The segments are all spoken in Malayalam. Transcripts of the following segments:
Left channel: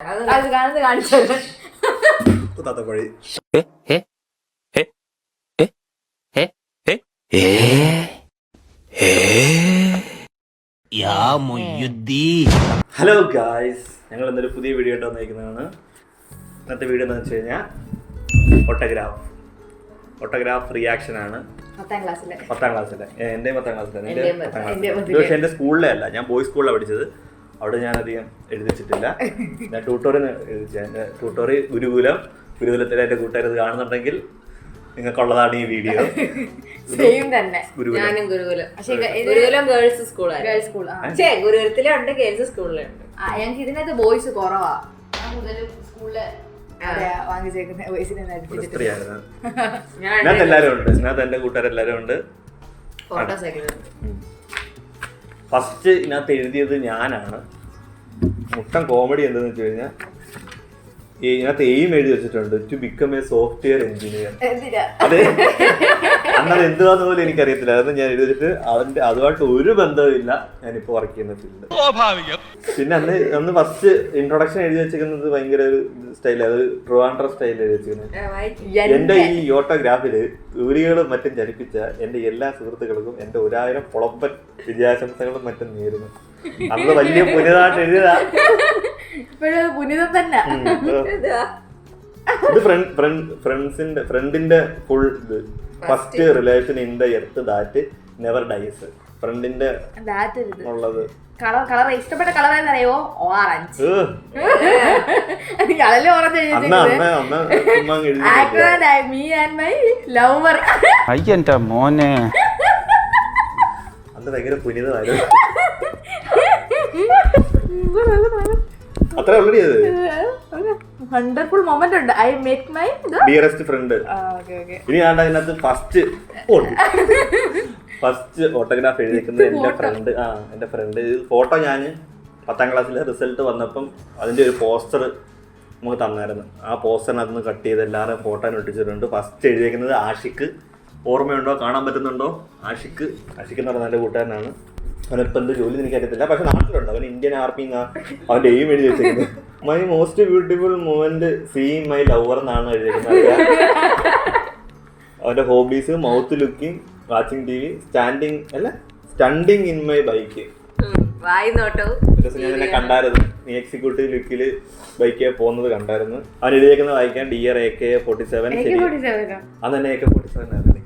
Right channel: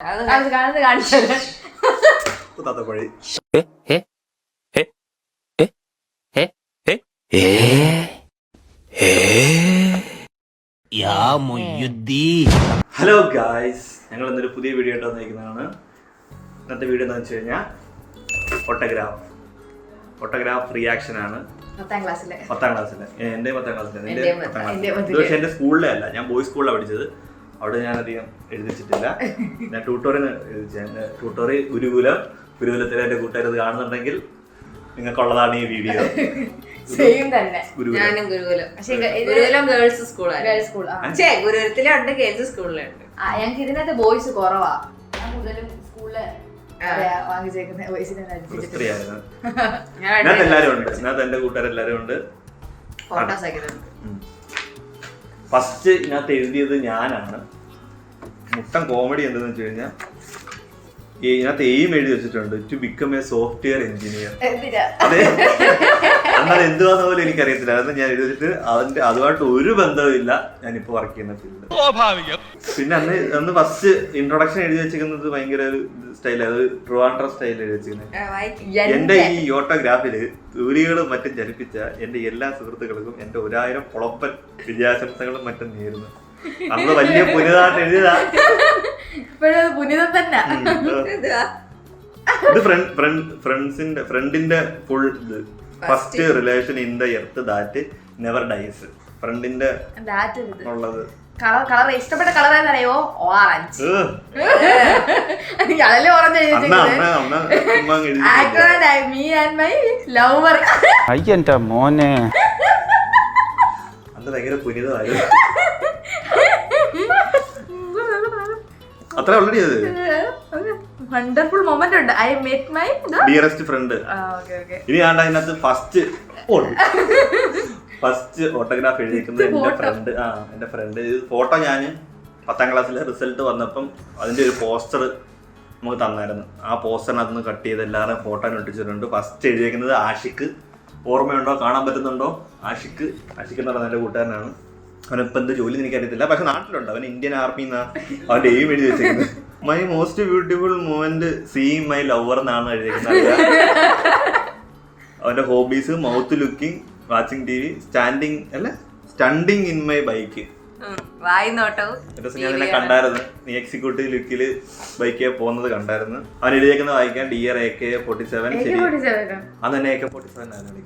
കാണിച്ചത് ഹലോ ഗായ്സ്, ഞങ്ങൾ ഇന്നൊരു പുതിയ വീഡിയോ ആയിട്ട് വന്നിരിക്കുന്നതാണ്. ഇന്നത്തെ വീഡിയോ എന്ന് വെച്ച് കഴിഞ്ഞാൽ ഓട്ടോഗ്രാഫ് റിയാക്ഷൻ ആണ്. 10ാം ക്ലാസ്സിലെ എൻ്റെ 10ാം ക്ലാസ്സിലെ പക്ഷേ എൻ്റെ സ്കൂളിലെ അല്ല, ഞാൻ ബോയ്സ് സ്കൂളിലാണ് പഠിച്ചത്. അവിടെ ഞാൻ അധികം എഴുതിച്ചിട്ടില്ല. ഞാൻ ട്യൂട്ടോറിയൽ ഗുരുകുലത്തിലെ എൻ്റെ കൂട്ടുകാർ കാണുന്നുണ്ടെങ്കിൽ നിങ്ങൾക്കുള്ളതാണ് ഈ വീഡിയോ. ഞങ്ങൾക്ക് ഇതിനകത്ത് ബോയ്സ് കുറവാ. ഞാൻ കൂടുതലും സ്കൂളില് ഇതിനകത്ത് എല്ലാവരും ഉണ്ട്. ഇതിനകത്ത് എൻ്റെ കൂട്ടുകാരെല്ലാവരും ഉണ്ട്. ഫസ്റ്റ് ഇതിനകത്ത് എഴുതിയത് ഞാനാണ്. മുട്ടൻ കോമഡി എന്താണെന്ന് വെച്ച് കഴിഞ്ഞാൽ ഇതിനകത്ത് എയിം എഴുതി വെച്ചിട്ടുണ്ട്, to become a software engineer. അതെ, അന്നത് എന്തുവാന്ന് പോലും എനിക്കറിയത്തില്ല. അത് ഞാൻ എഴുതി വെച്ചിട്ട് അതുമായിട്ട് ഒരു ബന്ധവുമില്ല ഞാനിപ്പോ വർക്ക് ചെയ്യുന്ന ഫീൽഡ്. പിന്നെ അന്ന് ഫസ്റ്റ് ഇൻട്രൊഡക്ഷൻ എഴുതി വെച്ചിരിക്കുന്നത് ഭയങ്കര ഒരു സ്റ്റൈൽ, അത് ട്രിവാൻഡ്രം സ്റ്റൈലിൽ എഴുതി വെച്ചിരിക്കുന്നത്. എന്റെ ഈ ഓട്ടോഗ്രാഫില് ജോലികളും മറ്റും ജനിപ്പിച്ച എന്റെ എല്ലാ സുഹൃത്തുക്കൾക്കും എന്റെ 1000 പൊളപ്പൻ വിജയാശംസകളും മറ്റും നേരുന്നു. അന്ന് വലിയ പുനിതായിട്ട് എഴുതിയതാ. ഇത് ഫ്രണ്ടിന്റെ full first relation in the earth that never dies. ഫ്രണ്ടിന്റെ ഉള്ളത് കളർ ഇഷ്ടപ്പെട്ട കളർ ഏതാണെന്നറിയോ? ഓറഞ്ച്. മോനെ അന്ന് ഭയങ്കര പുനിതമായിരുന്നു. അത്ര ഓൾറെഡി വണ്ടർഫുൾ മൊമെന്റ് ഉണ്ട്. I met my dearest front. ഇനി ഞാൻ അതിനകത്ത് ഫസ്റ്റ് ഓട്ടോഗ്രാഫ് എഴുതിക്കുന്നത് എന്റെ ഫ്രണ്ട്. ഫോട്ടോ ഞാൻ 10ാം ക്ലാസ്സിലെ റിസൾട്ട് വന്നപ്പം അതിന്റെ ഒരു പോസ്റ്റർ നമുക്ക് തന്നായിരുന്നു. ആ പോസ്റ്ററിനകത്ത് കട്ട് ചെയ്ത് എല്ലാവരും ഫോട്ടോ ഒട്ടിച്ചിട്ടുണ്ട്. ഫസ്റ്റ് എഴുതിയേക്കുന്നത് ആഷിക്ക്. ഓർമ്മയുണ്ടോ? കാണാൻ പറ്റുന്നുണ്ടോ? ആഷിക്ക് എന്ന് പറയുന്ന എൻ്റെ കൂട്ടുകാരനാണ്. അവനിപ്പോൾ എന്ത് ജോലി എനിക്കറിയത്തില്ല, പക്ഷെ നാട്ടിലുണ്ട്. അവൻ ഇന്ത്യൻ ആർമി അവന്റെ എയിം എഴുതി വെച്ചിരിക്കുന്നത്. My most beautiful moment seeing my lover എന്നാണ് എഴുതിയിരിക്കുന്നത്. അവന്റെ hobbies mouth looking, watching TV, stunting in my bike. ഞാൻ എന്നെ കണ്ടായിരുന്നു, നീ എക്സിക്യൂട്ടീവ് ലുക്കില് ബൈക്ക് പോകുന്നത് കണ്ടായിരുന്നു. അവൻ എഴുതിയേക്കുന്നത് വായിക്കാൻ ഡിയർ AK-47. ശരി, അന്ന് തന്നെ AK-47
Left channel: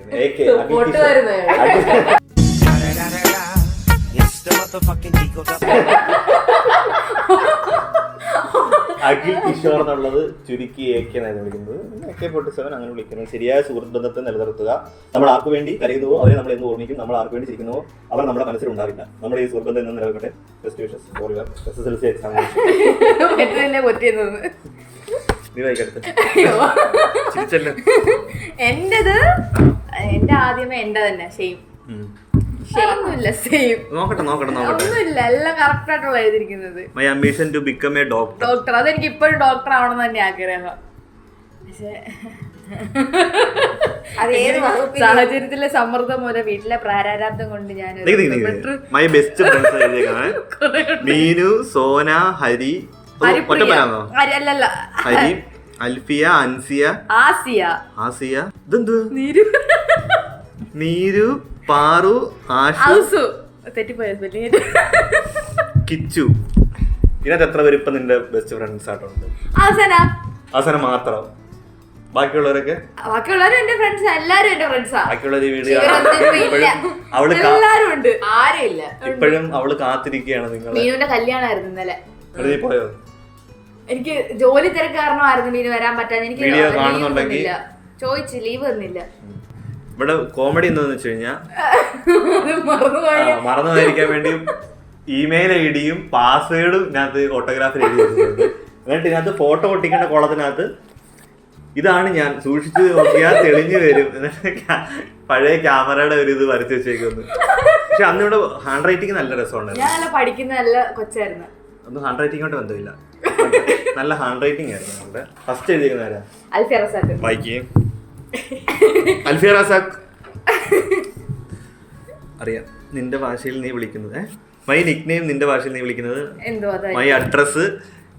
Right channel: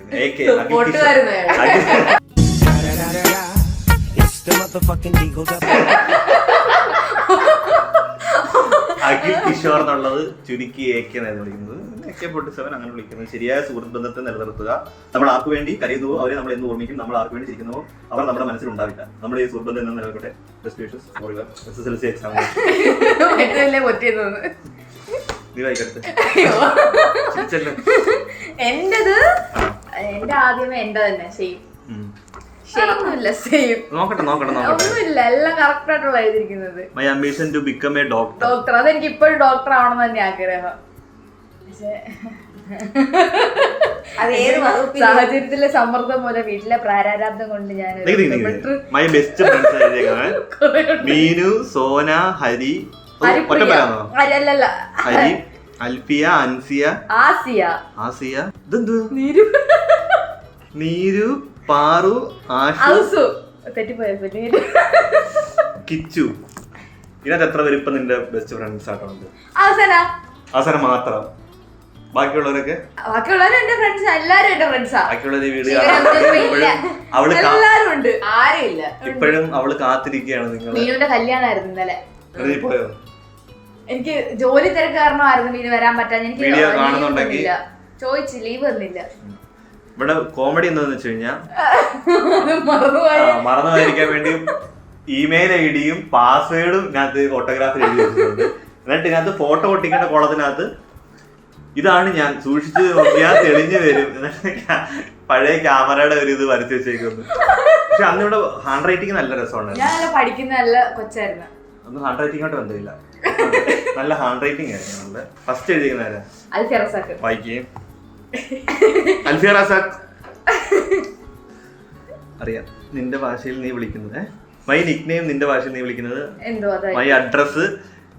അഖിൽ കിഷോർ എന്നുള്ളത് ചുരുക്കി AK എന്നായിരുന്നു വിളിക്കുന്നത്. AK-47 അങ്ങനെ വിളിക്കുന്നത്. ശരിയായ സുഹൃത്ത് ബന്ധത്തെ നിലനിർത്തുക. നമ്മൾ ആർക്ക് വേണ്ടി കരയുന്നുവോ അവരെ നമ്മൾ എന്ന് ഓർമ്മിക്കും. നമ്മൾ ആർക്ക് വേണ്ടി ചിരിക്കുന്നുവോ അവർ നമ്മുടെ മനസ്സിൽ ഉണ്ടാവില്ല. നമ്മുടെ ഈ സുഹൃത്ത് ബന്ധം എന്ന് നിലനിൽക്കട്ടെ. SSLC എക്സാം നീ വായിക്കട്ടെ. എന്റെ ആദ്യമേ എന്റെ തന്നെ same. My ambition to become a doctor. അതെനിക്ക് ഇപ്പോഴും ഡോക്ടർ ആവണം തന്നെ ആഗ്രഹം. സാഹചര്യത്തിലെ സമ്മർദ്ദം മൂലം വീട്ടിലെ പ്രാരാബ്ദം കൊണ്ട് ഞാൻ my best friends Meenu, Sona, Hari, അല്ലല്ല ഹരി, അൽഫിയ, അൻസിയ, ആസിയ, നീരു, പാറു, ആഷു, കിച്ചു. ഇതിനകത്ത് എത്ര പേര് ഇപ്പൊ നിന്റെ ബെസ്റ്റ് ഫ്രണ്ട്സ് ആയിട്ടുണ്ട്? ആസന മാത്രം. ബാക്കിയുള്ളവരൊക്കെ എന്റെ ഫ്രണ്ട്സ്. എല്ലാരും എന്റെ ഫ്രണ്ട്സാ. ബാക്കിയുള്ളവര് വീഡിയോ ഇപ്പോഴും അവള് കാത്തിരിക്കുകയാണ്. നിങ്ങൾ മീനുവിന്റെ കല്യാണമായിരുന്നു ഇന്നലെ. പോയോ? എനിക്ക് ജോലി തിരക്ക് കാരണമായിരുന്നു മീന് വരാൻ പറ്റാൻ. എനിക്ക് വീഡിയോ കാണുന്നുണ്ടെങ്കിൽ ചോദിച്ചു, ലീവ് തന്നില്ല. ഇവിടെ കോമഡി എന്താന്ന് വെച്ച് കഴിഞ്ഞാൽ മറന്നു പോയിരിക്കാൻ വേണ്ടി ഇമെയിൽ ID-യും പാസ്വേഡും ഇതിനകത്ത് ഓട്ടോഗ്രാഫിൽ എഴുതി വെച്ചിട്ടുണ്ട്. എന്നിട്ട് ഇതിനകത്ത് ഫോട്ടോ ഒട്ടിക്കേണ്ട കോളത്തിനകത്ത് ഇതാണ് ഞാൻ സൂക്ഷിച്ച് നോക്കിയാൽ തെളിഞ്ഞു വരും. പഴയ ക്യാമറയുടെ ഒരു ഇത് വരച്ച് വെച്ചേക്കുന്നു. പക്ഷെ അന്നിവിടെ ഹാൻഡ് റൈറ്റിംഗ് നല്ല രസമുണ്ടായിരുന്നു. ഞാൻ പഠിക്കുന്ന നല്ല കൊച്ചായിരുന്നു. ഒന്നും ഹാൻഡ് റൈറ്റിംഗോട്ട് ബന്ധമില്ല, നല്ല ഹാൻഡ് റൈറ്റിംഗ് ആയിരുന്നു. ഫസ്റ്റ് എഴുതിയിരിക്കുന്ന വായിക്കുകയും അൽഫിയ റസാഖ്. അറിയാം നിന്റെ ഭാഷയിൽ നീ വിളിക്കുന്നത്. മൈ നിക് നെയിം നിന്റെ ഭാഷയിൽ നീ വിളിക്കുന്നത്. മൈ അഡ്രസ്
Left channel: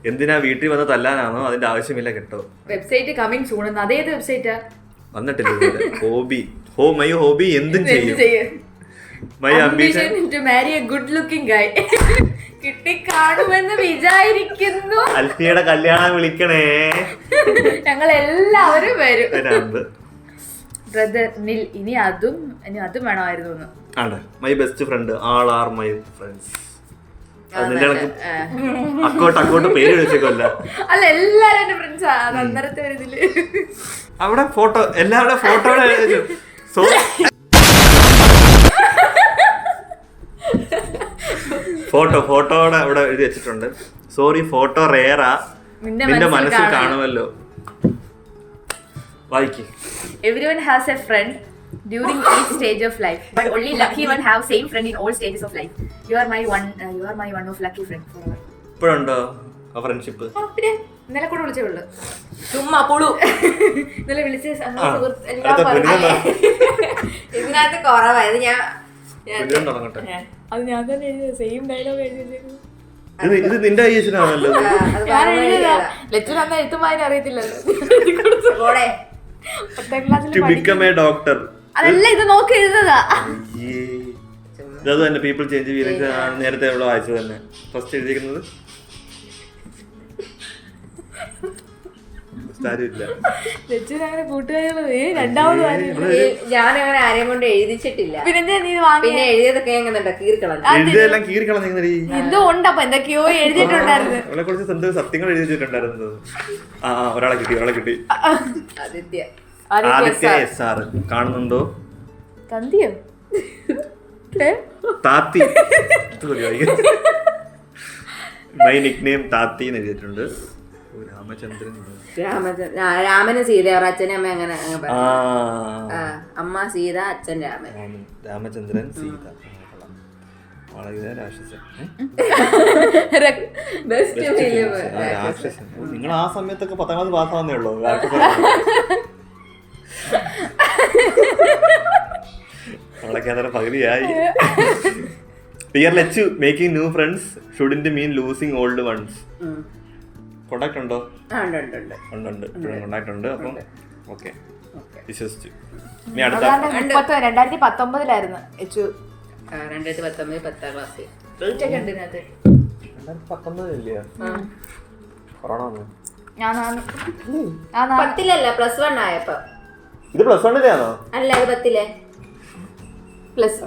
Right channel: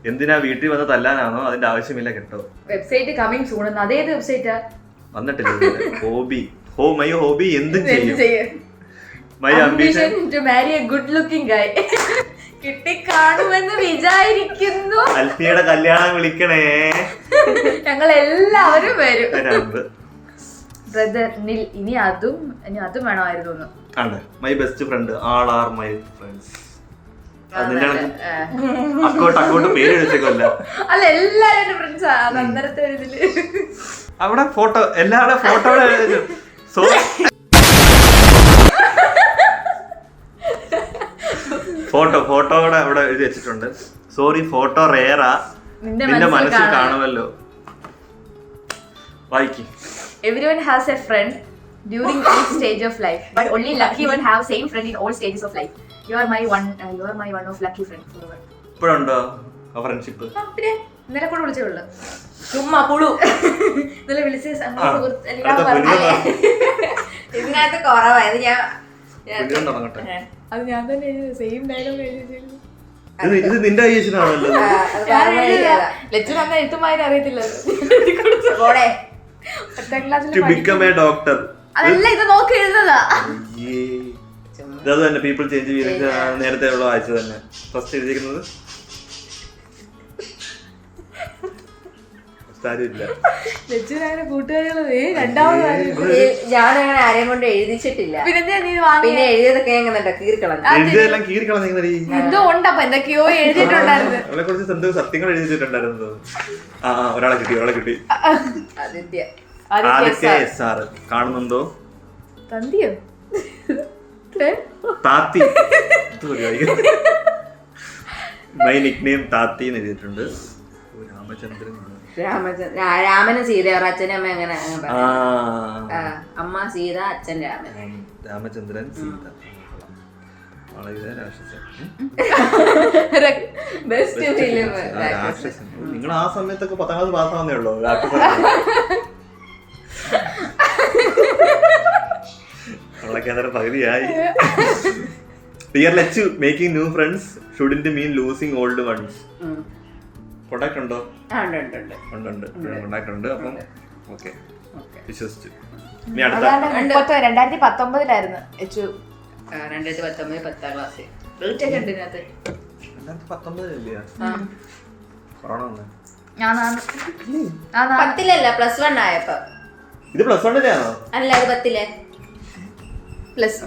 എന്തിനാ വീട്ടിൽ വന്ന് തല്ലാനാണോ? അതിന്റെ ആവശ്യമില്ല കേട്ടോ. Website coming soon. അതേത് വെബ്സൈറ്റാ? വന്നിട്ടില്ല. മൈ ഹോബി എന്തും ചെയ്യും. My ambition to marry a good looking guy. കിട്ടി കാണുമെന്ന് വിചാരിക്കുന്നു. അൽഫിയുടെ കല്യാണം വിളിക്കണേ. ഞങ്ങൾ എല്ലാവരും വരും. ബ്രദർ നിൽ. ഇനി അതും വേണമായിരുന്നു. ആണ് my best friend. All are my friends. അക്കോട്ട് പേര് വിളിച്ചേക്കല്ല. അല്ല, എല്ലാരും എന്റെ ഫ്രണ്ട്സാ. അന്നേരത്തെ ഇതില് അവിടെ ഫോട്ടോ, എല്ലാവരുടെ ഫോട്ടോയുടെ ഫോട്ടോയുടെ അവിടെ എഴുതി വെച്ചിട്ടുണ്ട്. സോറി ഫോട്ടോ റേറാ, നിന്റെ മനസ്സിൽ കാണുമല്ലോ. വായിക്ക്. Everyone has a friend during each stage of life, but only lucky one have same friend in all stages of life. You are my one of lucky friend forever. ഇപ്പോഴുണ്ടോ ആ ഫ്രണ്ട്ഷിപ്പ്? പിന്നെ ഇന്നലെ കൂടെ വിളിച്ചേയുള്ളൂ. ചുമ്മാ പുളു. ഇന്നലെ വിളിച്ച ഇതിനകത്ത് കുറവായത്. അത് ഞാൻ തന്നെ എഴുതിയത്. സെയിം ഡയലോഗ് എഴുതിയത്. ഇത് നിന്റെ ഐസിനാണല്ലോ. ലച്ചു തന്നെ എഴുത്തുമാതിരി അറിയത്തില്ലല്ലോ. അതല്ല, ഇത് നോക്കി എഴുതുന്നതാ. അത് തന്നെ പീപ്പിൾ ചേഞ്ച് ചെയ്ത് നേരത്തെ ഉള്ള വായിച്ചത് തന്നെ. ഫസ്റ്റ് എഴുതിയിരിക്കുന്നത് ഞാനങ്ങനെ ആരെയും കൊണ്ട് എഴുതിച്ചിട്ടില്ല. പിന്നെ എഴുതിയതൊക്കെ എന്തോ ഉണ്ടപ്പോ എന്തൊക്കെയോ എഴുതിയിട്ടുണ്ടായിരുന്നു. അവളെ കുറിച്ച് സത്യങ്ങൾ എഴുതിയിട്ടുണ്ടായിരുന്നു. ഒരാളെ കിട്ടി. ആദിത്യ സാർ കാണുന്നുണ്ടോ? തന്തിയോ താത്തി. മൈ നിക്നെയിം താത്തി എന്ന് എഴുതിയിട്ടുണ്ട്. രാമന് സീത. അച്ഛനും അമ്മ അങ്ങനെ അമ്മ സീത, അച്ഛൻ രാമചന്ദ്രൻ സീത. രാക്ഷസൻ. നിങ്ങൾ ആ സമയത്തൊക്കെ 10ാം ക്ലാസ് പാസ്സാവുന്നേ ഉള്ളൂ. നമ്മളൊക്കെ അത്ര പകുതിയായി. Dear Lachu, making new friends shouldn't mean losing old ones. Contact ഉണ്ടോ? ഉണ്ട്. കോണ്ടാക്ട് ഉണ്ട്. അപ്പം ഓക്കെ, വിശ്വസിച്ചു. ഇനി അടുത്ത 2019 എച്ചു. 2019 10ാം ക്ലാസ്. 2019 കൊറോണ വന്നു. പത്തിലല്ല, +1 ആയപ്പോ. ഇത് +1 അല്ല, അത് 10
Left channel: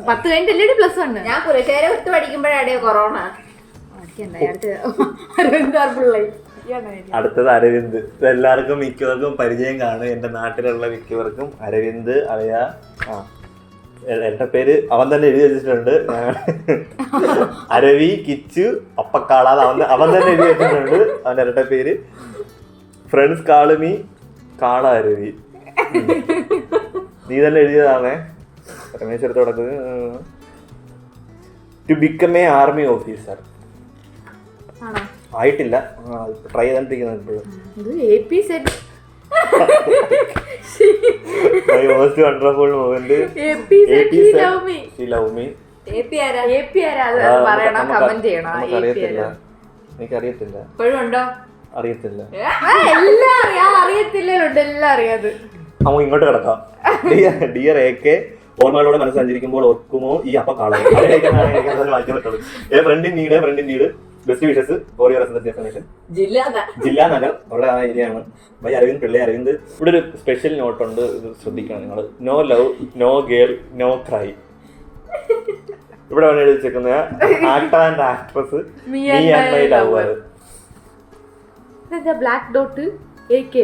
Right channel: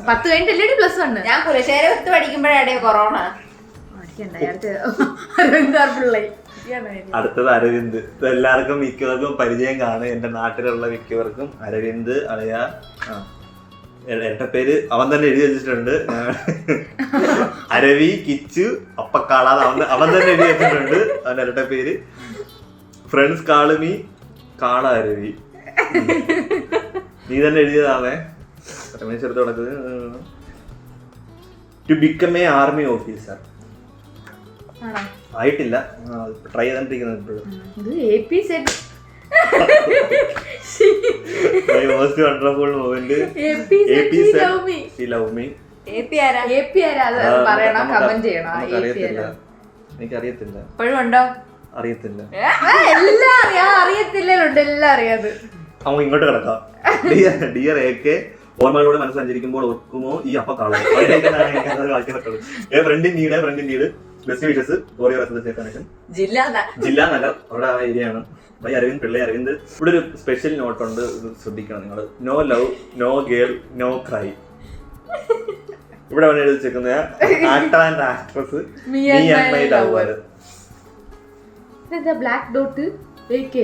10 കഴിഞ്ഞിട്ടല്ലേ +1. ഞാൻ കുലശേഖര 10 പഠിക്കുമ്പോഴാണ് കൊറോണ. അടുത്തത് അരവിന്ദ്. എല്ലാവർക്കും മിക്കവർക്കും പരിചയം കാണും. എന്റെ നാട്ടിലുള്ള മിക്കവർക്കും അരവിന്ദ് അളിയ. എന്റെ പേര് അവൻ തന്നെ എഴുതി വെച്ചിട്ടുണ്ട്. അരവി കിച്ചു അപ്പക്കാള. അവൻ തന്നെ എഴുതി വെച്ചിട്ടുണ്ട് അവന്റെ ഇരട്ട പേര്. ഫ്രണ്ട്സ് കാളുമി കാള അരവി. നീ തന്നെ എഴുതിയതാണേ. രമേശ് കിടക്കുന്നത്. To become a army officer. ആയിട്ടില്ല, ട്രൈ ചെയ്തോണ്ടിരിക്കുന്നത് ഇപ്പോഴും. My most wonderful moment. എനിക്കറിയത്തില്ല. അറിയത്തില്ല. നമുക്ക് ഇങ്ങോട്ട് കിടക്കാം. ഡിയർ AK, ഓർമ്മകളോടെ മനസ്സ് സഞ്ചരിക്കുമ്പോൾ ഓർക്കുമോ ഈ അപ്പ കാണാൻ. Friend in need best wishes for your residence ജില്ലാ നഗർ. അവിടെ ആ ഏരിയ ആണ്. മൈ അരവിന്ദ് പിള്ളേ അരവിന്ദ്. ഇവിടെ ഒരു സ്പെഷ്യൽ നോട്ട് ഉണ്ട്, ഇത് ശ്രദ്ധിക്കണം നിങ്ങൾ. No love, no girl, no cry. ഇവിടെ എഴുതി വെച്ചേക്കുന്ന actor and actress me and my lover. Black dot AK.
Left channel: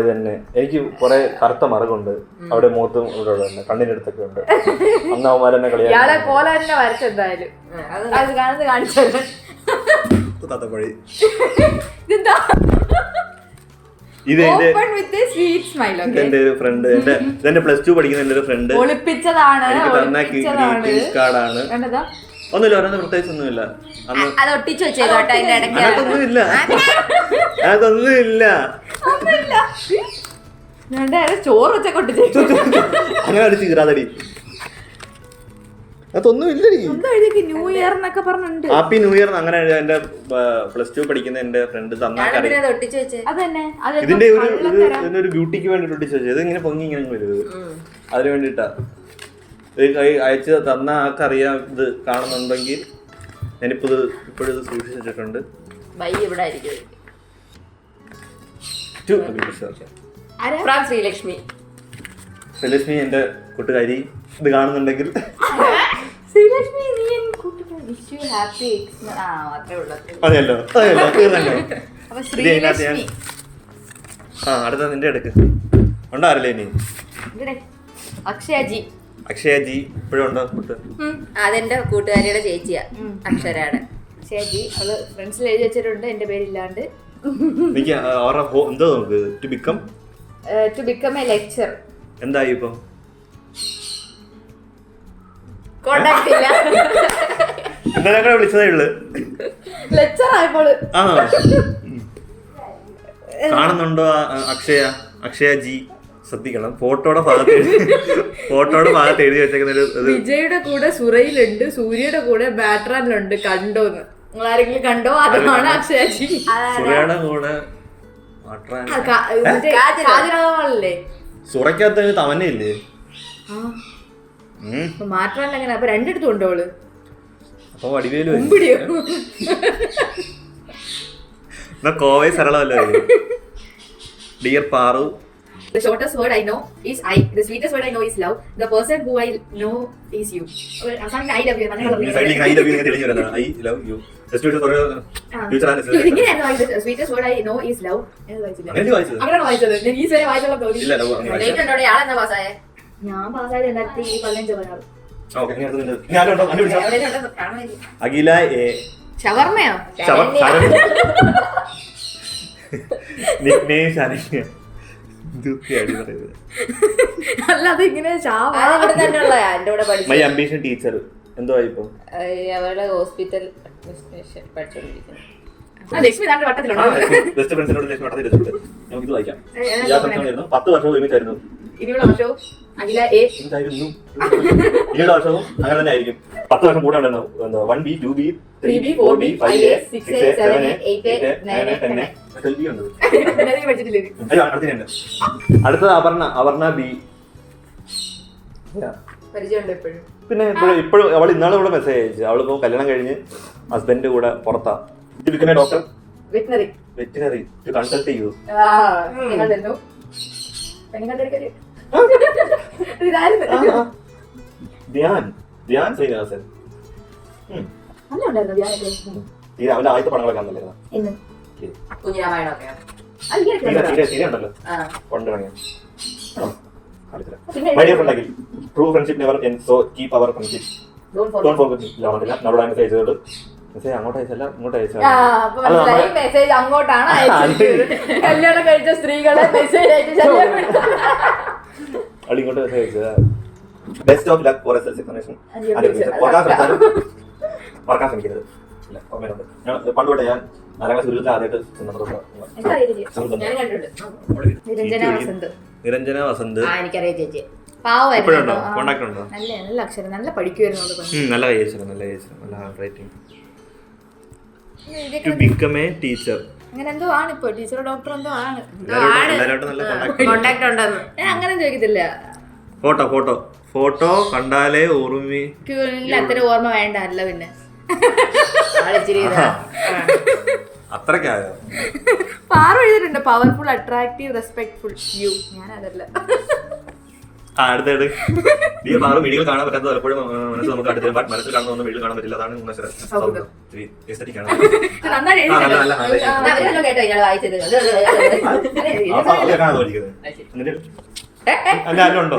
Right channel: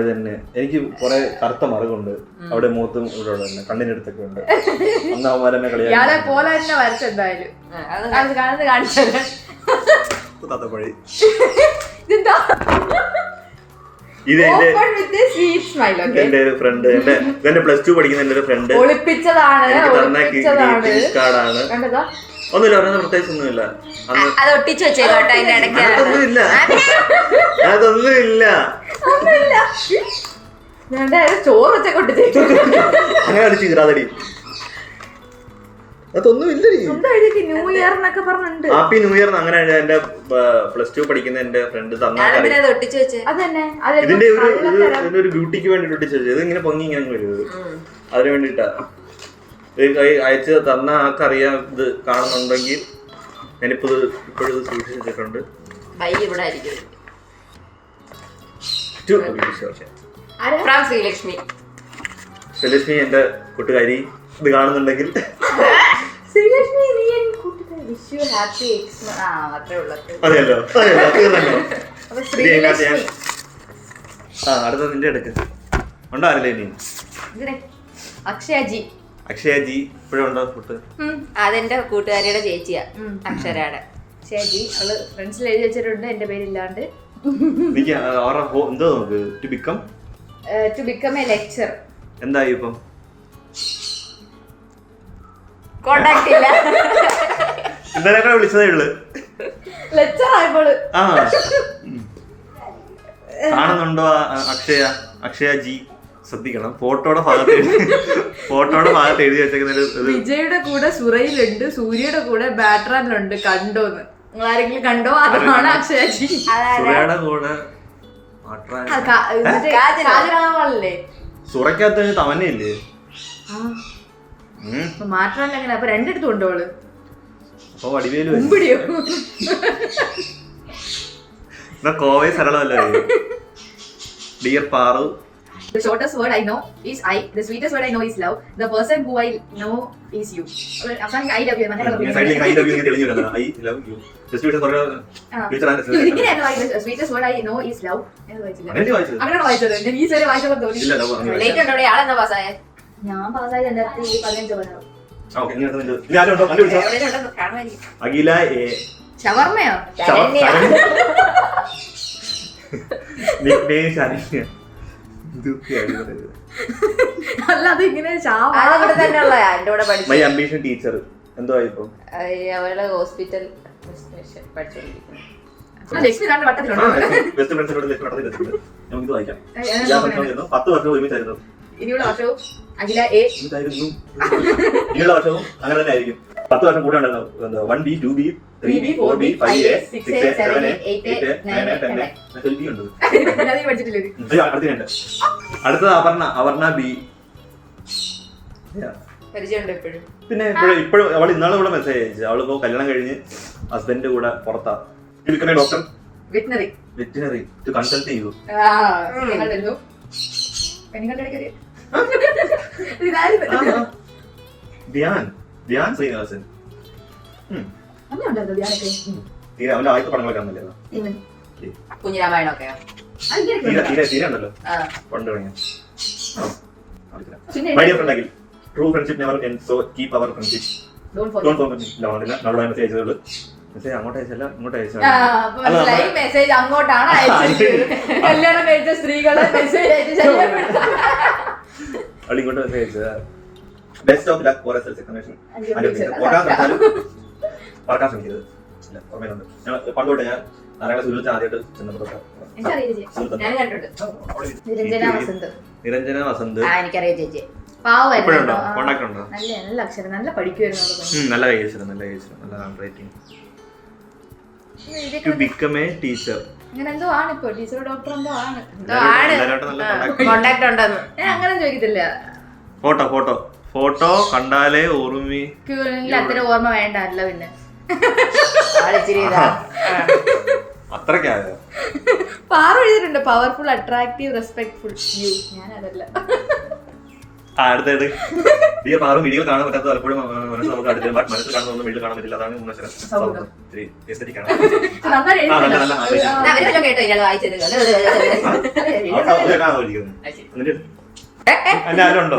ഇത് തന്നെ. എനിക്ക് കുറെ കറുത്ത മറകുണ്ട് അവിടെ, മുഖത്തും ഇവിടെ തന്നെ കണ്ണിന്റെ അടുത്തൊക്കെ ഉണ്ട്. അന്ന് അവന്മാരെന്നെ കളിയാളെ പോലെ തന്നെ വരച്ചെന്തായാലും അത് കാണുന്നത് കാണിച്ചത്. ഇത് എന്റെ ഫ്രണ്ട്, എന്റെ +2 പഠിക്കുന്ന എന്റെ ഒരു ഫ്രണ്ട് കാർഡാണ്. ഒന്നുമില്ല, പറയുന്നത് പ്രത്യേകിച്ച് ഒന്നുമില്ല. അതൊന്നുമില്ല. ചോറൊക്കെ അങ്ങനെ അടിച്ചു കിറാതടി. അതൊന്നും ഇല്ല. ന്യൂ ഇയർ എന്നൊക്കെ പറഞ്ഞിട്ടുണ്ട്. ഹാപ്പി ന്യൂ ഇയർ അങ്ങനെ എന്റെ +2 പഠിക്കുന്ന എന്റെ ഫ്രണ്ട് തന്നാ ഇതിന്റെ ഒരു ബ്യൂട്ടിക്ക് വേണ്ടിട്ട് ഒട്ടിച്ചു വെച്ചത്. ഇത് ഇങ്ങനെ പൊങ്ങി ഇങ്ങനെ വരുന്നത് അതിന് വേണ്ടിട്ടാ. അയച്ച് തന്ന ആൾക്കറിയാം ഇത് കാണുന്നുണ്ടെങ്കിൽ. ഞാനിപ്പോ ഇപ്പോഴും ഇത് സൂക്ഷിച്ചു വെച്ചിട്ടുണ്ട്. ശ്രീലക്ഷ്മി എന്റെ കൂട്ടുകാരി ഇത് കാണുന്നുണ്ടെങ്കിൽ അതെയല്ലോ അടുത്ത നിന്റെ അടുക്ക് ഉണ്ടാറില്ലേ ഇനി? അക്ഷയജി ഇപ്പോഴും ഉണ്ടോ? അതെന്റെ കൂട്ടുകാരിയുടെ ചേച്ചിയാ, അക്ഷരയുടെ അക്ഷയജി. അവള് ഫ്രണ്ട്സിൽ എഴുതി വെച്ചിട്ടുണ്ട് എന്റെ പേരില്ലാണ്ട്. എന്തോ നമുക്ക് ടു ബിക്കം എ ലെക്ചർ. എന്തായി ഇപ്പം? കോണ്ടാക്ട് ഇല്ല. ഇന്നലെ വിളിച്ചതേ ഉള്ളു. ലെക്ചർ ആയപ്പോൾ കാണുന്നുണ്ടോ അക്ഷയജി? ശ്രദ്ധിക്കണം, ഫോട്ടോയുടെ ഭാഗത്ത് എഴുതി വെച്ചേക്കുന്ന വിജയുടെ കൂടെ സുറയിലുണ്ട്, സൂര്യയുടെ കൂടെ ബാറ്ററാനിലുണ്ട്. കണ്ടോന്ന് നിങ്ങൾ ആരെങ്കിലും കണ്ടോ? അതാണ് അക്ഷയജി. സുറയുടെ കൂടെ കാജലല്ലേ? സുറക്കകത്ത് തമന്നയില്ലേ? മാറ്റാണ്ട് എങ്ങനെ? അപ്പൊ രണ്ടിടത്തും ഉണ്ടോ അവള്? അപ്പൊ വടിവേലു മുമ്പിടിയോ? കോവേ സരളമല്ലോ. Dear Paru, the shortest word I know is I. The sweetest word I know is love. The person who I know is you. അവസാനം I love you. I love you തെളിഞ്ഞു വരുന്നത്. I love you. Just ഒരു the sweetest word I know is love. അങ്ങനെ വായിച്ചത് ഈ വരെ വായിച്ചത് തോന്നി. ലേറ്റ് ഉണ്ടോ? ആളെന്താ പാസ്സായ? ഞാൻ പാസ്സായത് 2015. അഖില എ. ഷവർമയോ? നിക്നെയിം ശരണ്യ. അല്ല അത് ഇങ്ങനെ അതവിടെ തന്നെയുള്ള എന്റെ കൂടെ പഠിച്ചു. മൈ അംബിഷൻ ടീച്ചർ എന്തോ ഇപ്പൊ അവളെ ഹോസ്പിറ്റൽ പഠിച്ചോണ്ടിരിക്കുന്നു. ബെസ്റ്റ് ഫ്രണ്ട്സിനോട് ലക്ഷ്മി വട്ടത്തിലെത്തുന്നുണ്ട്. നമുക്കിത് വായിക്കാം. 10 വർഷം ഒരുമിച്ചായിരുന്നു. ഇനിയുള്ള വർഷവും അഖില എ ഇനിയുള്ള വർഷവും അങ്ങനെ തന്നെ ആയിരിക്കും. 10 വർഷം കൂടെ ഉണ്ടെന്ന് 1B 2B 3B 4B 5A 6A 7A 8A 9A 10A 12B ഉണ്ട്. അടുത്തത് അപർണ ബി. പരിചയമുണ്ട് എപ്പോഴും. പിന്നെ ഇപ്പോഴും അവൾ ഇന്നാളും ഇവിടെ മെസ്സേജ് അയച്ചു. അവളിപ്പോ കല്യാണം കഴിഞ്ഞ് ഹസ്ബൻഡ് കൂടെ പുറത്താ. ഡോക്ടർ വെറ്റിനറി ടു കൺസൾട്ട് ചെയ്യൂ. ധ്യാൻ ശ്രീനിവാസൻ. അവന്റെ ആദ്യത്തെ പടങ്ങളൊക്കെ ആണല്ലോ കുഞ്ഞിരാമായണമൊക്കെ ഉണ്ടല്ലോ പണ്ട് തുടങ്ങിയ. My dear friend Akhil, true friendship never end, so keep our friendship. Don't forget നമ്മുടെ മെസ്സേജ് അയച്ചതുള്ളൂ. മെസ്സേജ് അങ്ങോട്ട് അയച്ചല്ല ഇങ്ങോട്ട് അയച്ചാൽ മെസ്സേജ് അങ്ങോട്ടാണ് അയച്ചത്. കല്യാണം കഴിച്ച സ്ത്രീകളെ മെസ്സേജ് അവൾ ഇങ്ങോട്ട് മെസ്സേജ് അയച്ചത്. Best of luck for SLC examination. മറക്കാൻ ശ്രമിക്കരുത്. പണ്ട് തൊട്ടേ ഞാൻ 4ാം ക്ലാസ് വിളിച്ച് ആദ്യമായിട്ട് ചെന്നപ്പോൾ നിരഞ്ജന വസന്ത്. എനിക്കറിയാം ചേച്ചി. പാവമായിരുന്നു. കോണ്ടാക്ട് ഉണ്ടോ? നല്ല അക്ഷരം, നല്ല പഠിക്കുമായിരുന്നു. നല്ല കൈയക്ഷരം, നല്ല hand writing. To become a teacher. അങ്ങനെ എന്തോ ആണ് ഇപ്പൊ. ടീച്ചറോ ഡോക്ടർ എന്തോ ആണ്. കോണ്ടാക്ട് ഉണ്ടെന്ന് ഞാൻ അങ്ങനെ ചോദിക്കത്തില്ല. ഫോട്ടോ കണ്ടാലേ ഓർമ്മ. അത്ര ഓർമ്മ വേണ്ട. അല്ല പിന്നെ അത്രക്കായോ? പാറ എഴുതിയിട്ടുണ്ട്. Powerful, attractive, respectful you. ഞാൻ അതല്ല. അടുത്തത് വീഡിയോ കാണാൻ പറ്റാത്ത പലപ്പോഴും നമുക്ക് അടുത്ത മനസ്സിൽ കാണുന്ന വീട്ടിൽ കാണാൻ പറ്റില്ല. അതാണ് 3 അക്ഷരം. ഉണ്ടോ?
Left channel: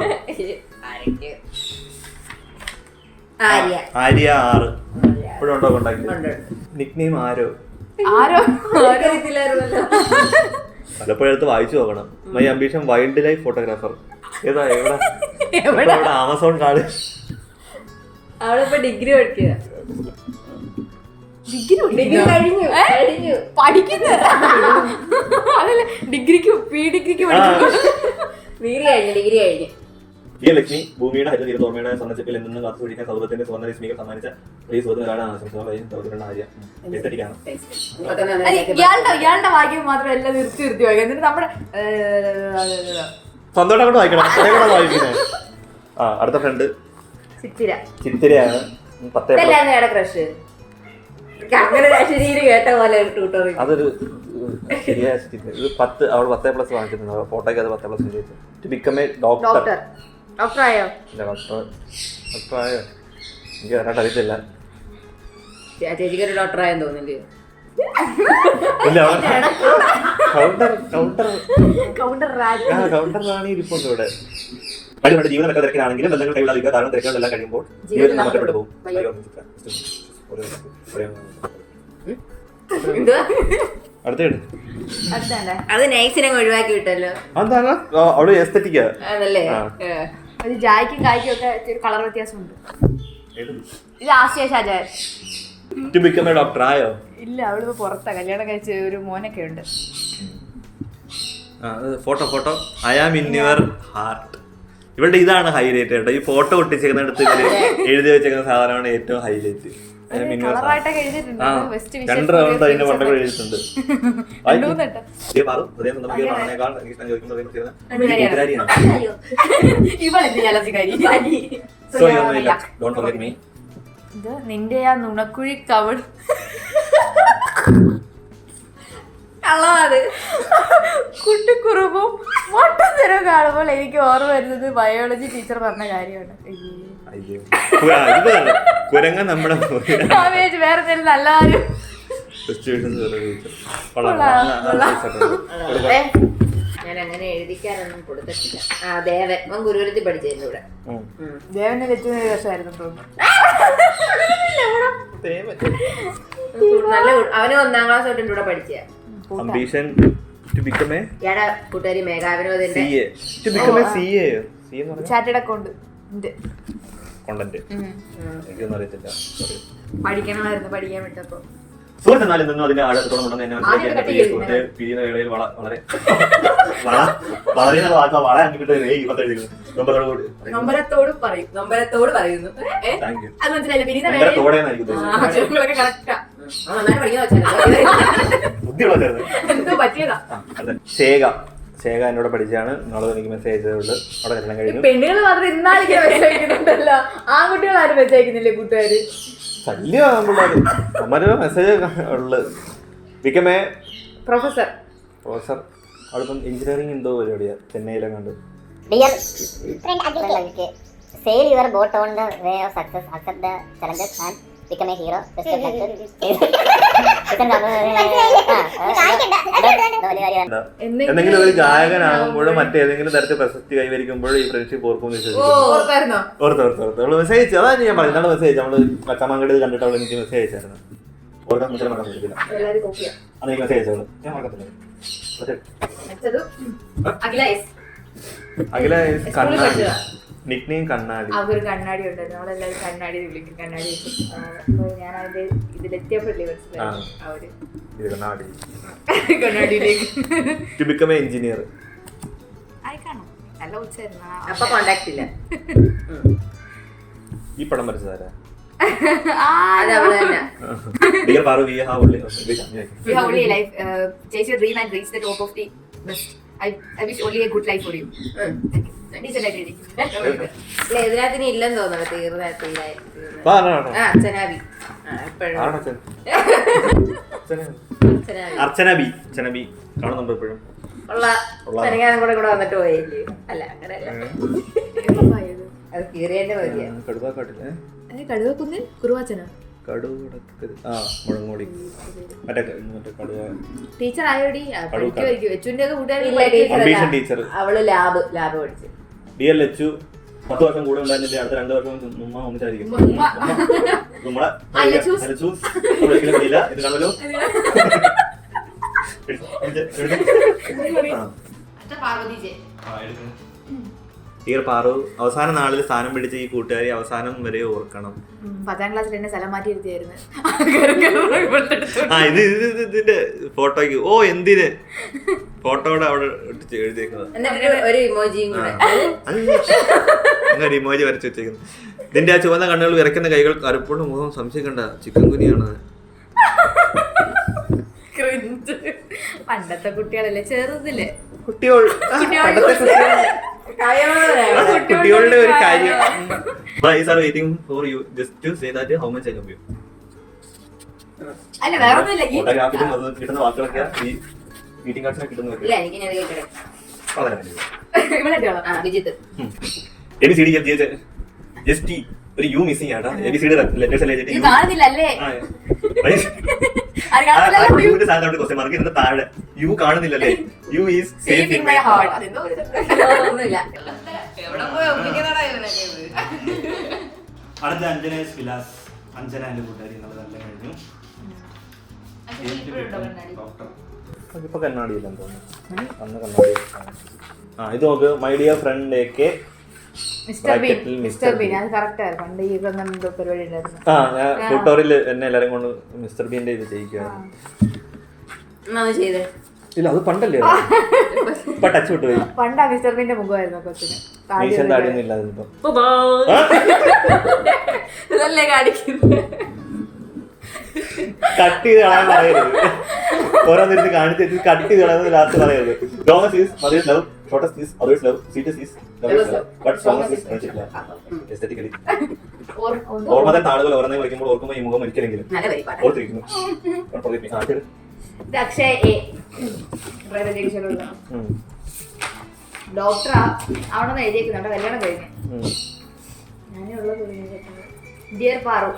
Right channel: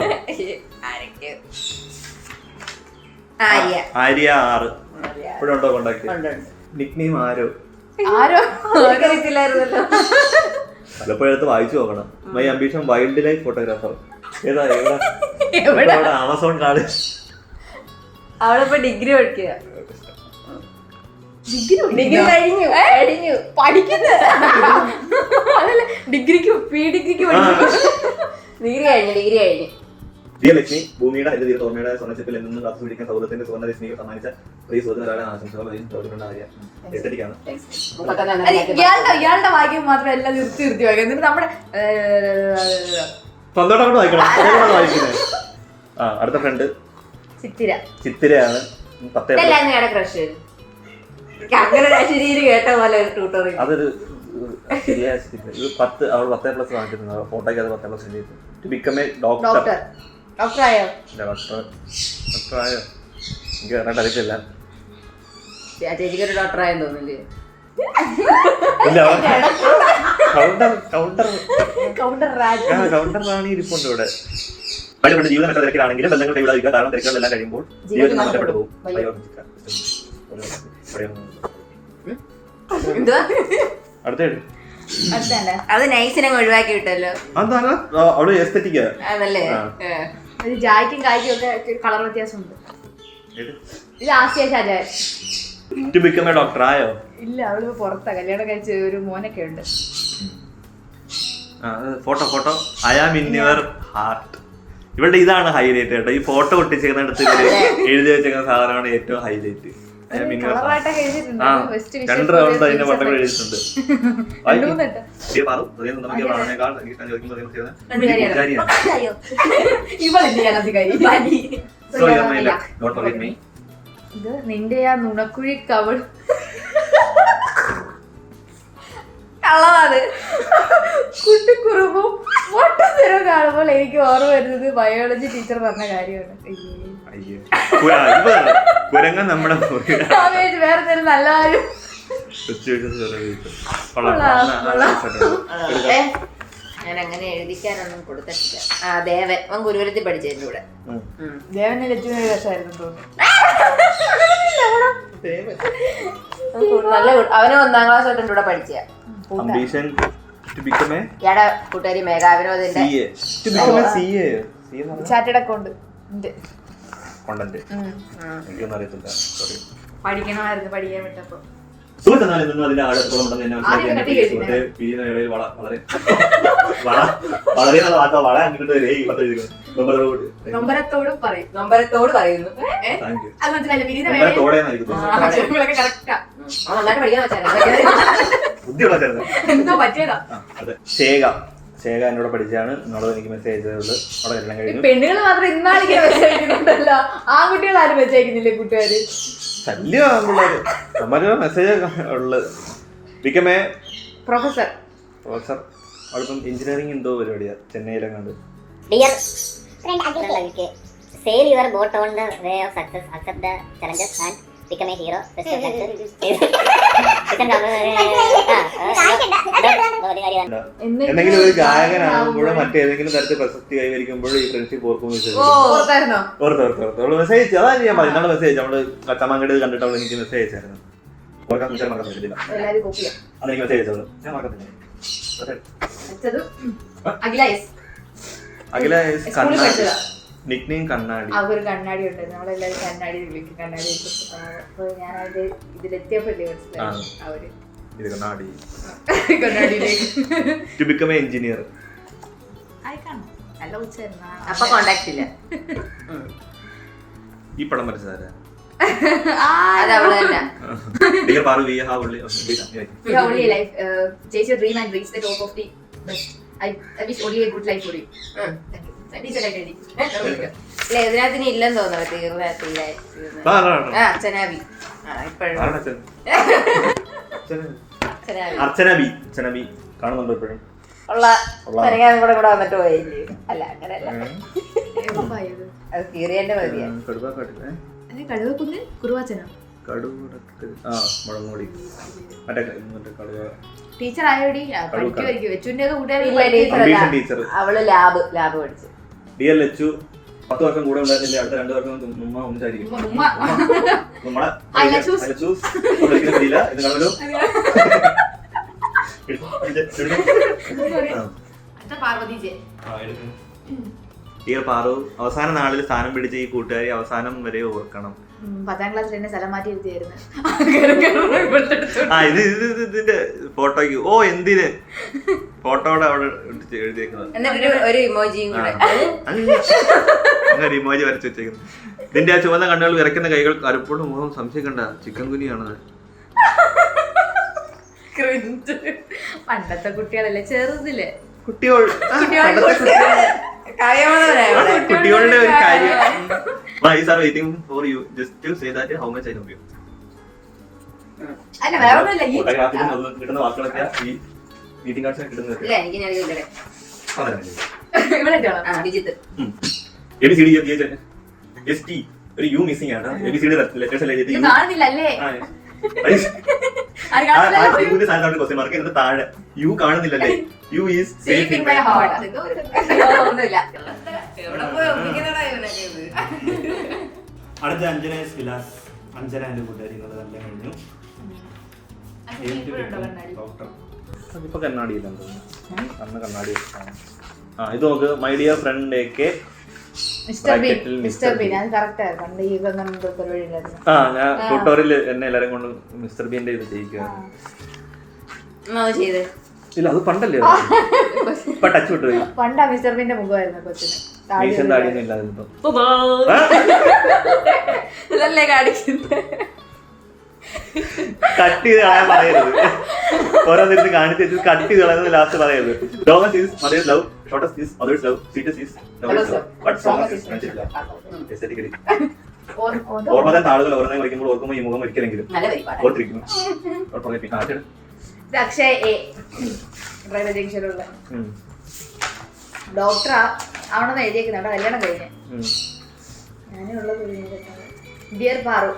ആര്യ 6 ഇപ്പോഴുണ്ടോ കോണ്ടാക്ട്? നിക്നെയിം ആരോ പലപ്പോഴും എടുത്ത് വായിച്ചു നോക്കണം. My ambition wild life photographer. ഏതാ എവിടെ? Amazon card. അവളിപ്പോ ഡിഗ്രി പഠിക്കുക. ഡിഗ്രി കഴിഞ്ഞു പഠിക്കുന്നത്. അതല്ല ഡിഗ്രിക്ക് PDഗ്രിക്ക് ഡിഗ്രി കഴിഞ്ഞു. വിജയലക്ഷ്മി ഭൂമിയുടെ ഹരിതീര തോമയുടെ സ്വർണ്ണച്ചിപ്പിൽ നിന്നും കാത്തു സൂക്ഷിക്കാൻ സൗഹൃദത്തിന്റെ സുവർണ്ണ രശ്മികൾ സമ്മാനിച്ച പ്രിയ സുഹൃത്തുക്കളാണ് ആശംസകൾ എസ്തറ്റിക്കാണ്. ഇയാളുടെ വാക്യം മാത്രം എല്ലാം നിർത്തി വായിക്കും. എന്നിട്ട് നമ്മുടെ സ്വന്തമായിട്ട് വായിക്കണം. വായിക്കുന്നത്. ആ അടുത്ത ഫ്രണ്ട് ചിത്തിരയാണ്. 10 ക്രഷ് അങ്ങനെ കേട്ട പോലെ അതൊരു ശരിയായ സ്ഥിതി. ഇത് 10 അവൾ 10+ വാങ്ങിച്ചിട്ടുണ്ട്. ഫോട്ടോയ്ക്ക് അത് 10+ ചെയ്തു. To become a doctor. ഡോക്ടറായോ? ഡോക്ടറായോ എനിക്ക് കറക്റ്റ് അറിയത്തില്ല. ചേച്ചിക്കൊരു ഡോക്ടറായെന്ന് തോന്നുന്നില്ലേ? കൗണ്ടർ റാണി ഇരിപ്പുണ്ട് ഇവിടെ. ജീവനം എത്ര തിരക്കിലാണെങ്കിലും ബന്ധങ്ങൾ കൈവിടാതിരിക്കാൻ കാരണം തിരക്കുകളെല്ലാം കഴിയുമ്പോൾ ജീവിതം നഷ്ടപ്പെട്ടു പോകും. അടുത്തേട് അത് നൈസിനെ ഒഴിവാക്കി വിട്ടല്ലോ. അതാണ് അവള് എസ്തറ്റിക്കാ അതല്ലേ? ജായ്ക്കും കായ്ക്കും ഒക്കെ കളർ വ്യത്യാസമുണ്ട്. ഇത് Asiya Shajan. To become a doctor ആയോ? ഇല്ല, അവള് പുറത്താ. കല്യാണം കഴിച്ച ഒരു മോനൊക്കെ ഉണ്ട്. Photo I am in your heart. ഇവളുടെ ഇതാണ് ഹൈലൈറ്റ് കേട്ടോ. ഈ ഫോട്ടോ ഒട്ടിച്ചേക്കുന്നിടത്ത് എഴുതി വെച്ചേക്കുന്ന സാധനമാണ് ഏറ്റവും ഹൈലൈറ്റ്. എഴുതിയിട്ടുണ്ട്. 2 റൗണ്ട് അതിന്റെ ഫോട്ടോ എഴുതിയിട്ടുണ്ട്. നിന്റെ ആ നുണക്കുഴി കവൾ കളവാത് കുട്ടിക്കുറുമ്പും മൊട്ടത്തരം കാണുമ്പോൾ എനിക്ക് ഓർമ്മ വരുന്നത് ബയോളജി ടീച്ചർ പറഞ്ഞ കാര്യമാണ്. കുരങ്ങ നമ്മുടെ വേറെ എന്തെങ്കിലും നല്ല കാര്യം. ഞാൻ അങ്ങനെ എഴുതിക്കാനൊന്നും കൊടുത്തിട്ടില്ല. ദേവൻ അവൻ ഗുരുകുലത്തിൽ പഠിച്ചതിന്റെ കൂടെ. ദേവനെ ലക്ഷ്മി രസമായിരുന്നു തോന്നുന്നു. നല്ല അവന് 1ാം ക്ലാസ് തൊട്ട് കൂടെ പഠിച്ച ഇയാടെ കൂട്ടുകാരി മേഘാവിനോദിന്റെ ചാർട്ടേഡ് അക്കൗണ്ട് പഠിക്കണമായിരുന്നു. പഠിക്കാൻ വിട്ടപ്പോ അതിന്റെ ആഴത്തോളം നൊമ്പരത്തോട് പറയുന്നു. ശേഖ എന്നോട് പഠിച്ചാണ്. നാളെ എനിക്ക് മെസ്സേജ് ചെയ്തതുള്ളൂ. അവിടെ കല്യാണം കഴിഞ്ഞു. പെണ്ണുകൾ മാത്രം ഇന്നാളേക്ക് മെസ്സേജ് അയക്കുന്നുണ്ടല്ലോ. ആൺകുട്ടികൾ ആരും മെസ്സേജ് അയക്കുന്നില്ലേ കൂട്ടുകാര്? ശല്യമാണ് പിള്ളേര്. അമ്മ മെസ്സേജ് ഉള്ളത്. Become a professor. അവളിപ്പം എഞ്ചിനീയറിംഗ് എന്തോ പരിപാടിയാ ചെന്നൈയിലെങ്ങാണ്ട്. Dear friend, sail your boat on the way of success, accept the challenges and become a hero. Best of luck. എന്തെങ്കിലും ഒരു ഗായകനാകുമ്പോഴോ മറ്റേതെങ്കിലും തരത്തിൽ പ്രശസ്തി കൈവരിക്കുമ്പോഴോ ഈ ഫ്രണ്ട്ഷിപ്പ് ഓർക്കും ഓർത്ത് മെസ്സേജ് അയച്ചു. അതാണ് ഞാൻ പറയുന്നത്. മെസ്സേജ് നമ്മള് കച്ചമാങ്കടി കണ്ടിട്ട് അവൾ എനിക്ക് മെസ്സേജ് അയച്ചായിരുന്നു. ഓർക്കാൻ മറക്കാൻ പറ്റില്ല. അന്ന് എനിക്ക് മെസ്സേജ് അയച്ചോളൂ. ഞാൻ മറക്കത്തില്ല. അഖില കണ്ണാടി. നിക്നെയിം കണ്ണാടി. അവര് കണ്ണാടി ഉണ്ട്. നമ്മളെല്ലാവരും കണ്ണാടി വിളിക്കും. കണ്ണാടി ഞാൻ അതിന്റെ ഇതിലെത്തിയപ്പോഴല്ലേ മനസ്സിലായി അവര് കണ്ണാടിയിലേക്ക്. To become a engineer. നല്ല ഉച്ചായിരുന്നു. അപ്പൊ കോണ്ടാക്ട് ഇല്ല. ഈ പടം വരച്ചതാരാ? അതവള് തന്നെ. Dear Paru, we have only life. Chase your dream and reach the top of the best. I wish only a good life for you. ഇതിനകത്ത് ഇനി ഇല്ലെന്ന് തോന്നുന്നു. അച്ഛനാബി അർച്ചന ബി കാണുന്നുണ്ടോ ഇപ്പോഴും? ഉള്ള കൂടെ വന്നിട്ട് പോയില്ലേ? അല്ല അങ്ങനെയല്ല, അത് കീറിയന്റെ മതിയാണ്. കടുവക്കുന്നിൽ കുറുവാച്ചനോ? ടീച്ചർ ആയോടി അവള് ലാബ് പഠിച്ചു. ഡിയർ ലച്ചു 10 വർഷം കൂടെ ഉണ്ടായിരുന്നില്ല. അടുത്ത 2 വർഷം ഉമ്മ ഒന്നിച്ചായിരിക്കും. ഡിയർ പാറു, അവസാന നാളിൽ സ്ഥാനം പിടിച്ച ഈ കൂട്ടുകാരി അവസാനം വരെ ഓർക്കണം. 10ാം ക്ലാസ്സിൽ എന്നെ സ്ഥലം മാറ്റി ഇരുത്തിയായിരുന്നു. ഇതിന്റെ ഫോട്ടോയ്ക്ക് എന്തിന് ഫോട്ടോയുടെ അവിടെ എടുത്ത് എഴുതിയേക്കുന്നത്. എന്നിട്ട് ഒരു ഇമോജിയും കൂടെ. അങ്ങനെ ഇമോജി വരച്ച് വെച്ചേക്കുന്നു. ഇതിന്റെ ആ ചുവന്ന കണ്ണുകൾ വിറയ്ക്കുന്ന കൈകൾ കറുപ്പോട് മുഖം സംശയിക്കണ്ട ചിക്കൻ കുനിയാണ്. പണ്ടത്തെ കുട്ടികളല്ലേ ചെറുതില്ലേ കുട്ടികളുടെ ഒരു കാര്യം. Guys are waiting for you just to say that how much I love you. അല്ല വേറെ ഒന്നുമില്ല ഫോട്ടോഗ്രാഫിലും അത് കിട്ടുന്ന വാക്കുകളൊക്കെ ഈ ഗ്രീറ്റിംഗ് കാർഡ്സിൽ കിട്ടുന്നത്. ഇല്ല എനിക്ക് ഞാൻ ഇവിടെ വിജിത്ത് ABCD just ഒരു യു മിസ്സിംഗ് ആണ്. ABCD ലെറ്റേഴ്സ് അല്ലേ ഇത് കാണുന്നില്ലല്ലേ ക്വസ്റ്റ്യൻ മാർക്ക് ഇതിന്റെ താഴെ യു കാണുന്നില്ലല്ലേ. U is safe in my heart. ഒന്നുമില്ല. അടുത്ത അഞ്ജനേസ് വിലാസ്. അഞ്ജന എന്റെ കൂട്ടുകാരി എന്നുള്ളത് നല്ല കഴിഞ്ഞു. ഇപ്പൊ കണ്ണാടിയില്ലെന്ന് തോന്നുന്നു. അന്ന് കണ്ണാടി. ഇത് നോക്ക് my dear front AK mister been. അത് കറക്റ്റ് ആയിരുന്നു. പണ്ട് ഈ പരിപാടി ഉണ്ടായിരുന്നു. ഞാൻ ട്യൂട്ടോറിയൽ എന്നെ എല്ലാരും കൊണ്ട് മിസ്റ്റർ ബീന്റെ ഇത് ചെയ്യിക്കുകയാണ്. ഇല്ല അത് പണ്ടല്ലേ, ഇപ്പൊ ടച്ച് വിട്ടു പോയി. പണ്ടാ മിസ്റ്റർ ബീന്റെ മുഖമായിരുന്നു കൊച്ചിന്. മീശൻ താടിയൊന്നും ഇല്ലാതിപ്പോ ഇതല്ലേ കാണിക്കുന്നത്. കട്ട് ചെയ്ത് കളയാൻ പറയരുത്. ഓരോന്നിരുന്ന് കാണിച്ച് വെച്ച് കട്ട് ചെയ്ത് കളയുന്നത് ലാസ്റ്റ് പറയരുത്. Longest is mother's love, shortest is mother's love, sweetest is lover's love, but strongest is friendship love. Aesthetically ഓർമ്മ തന്നെ താളുകൾ ഓരോന്നേ വയ്ക്കുമ്പോൾ ഓർക്കുമ്പോൾ ഈ മുഖം ഒരിക്കലെങ്കിലും ഓർത്തിരിക്കുന്നു. അക്ഷയ് A ഡോക്ടറാ ആവണമെന്ന് എഴുതിയേക്കുന്നുണ്ട്. കല്യാണം കഴിഞ്ഞ് ഞാനേ ഉള്ളത്. ഡിയർ പാറു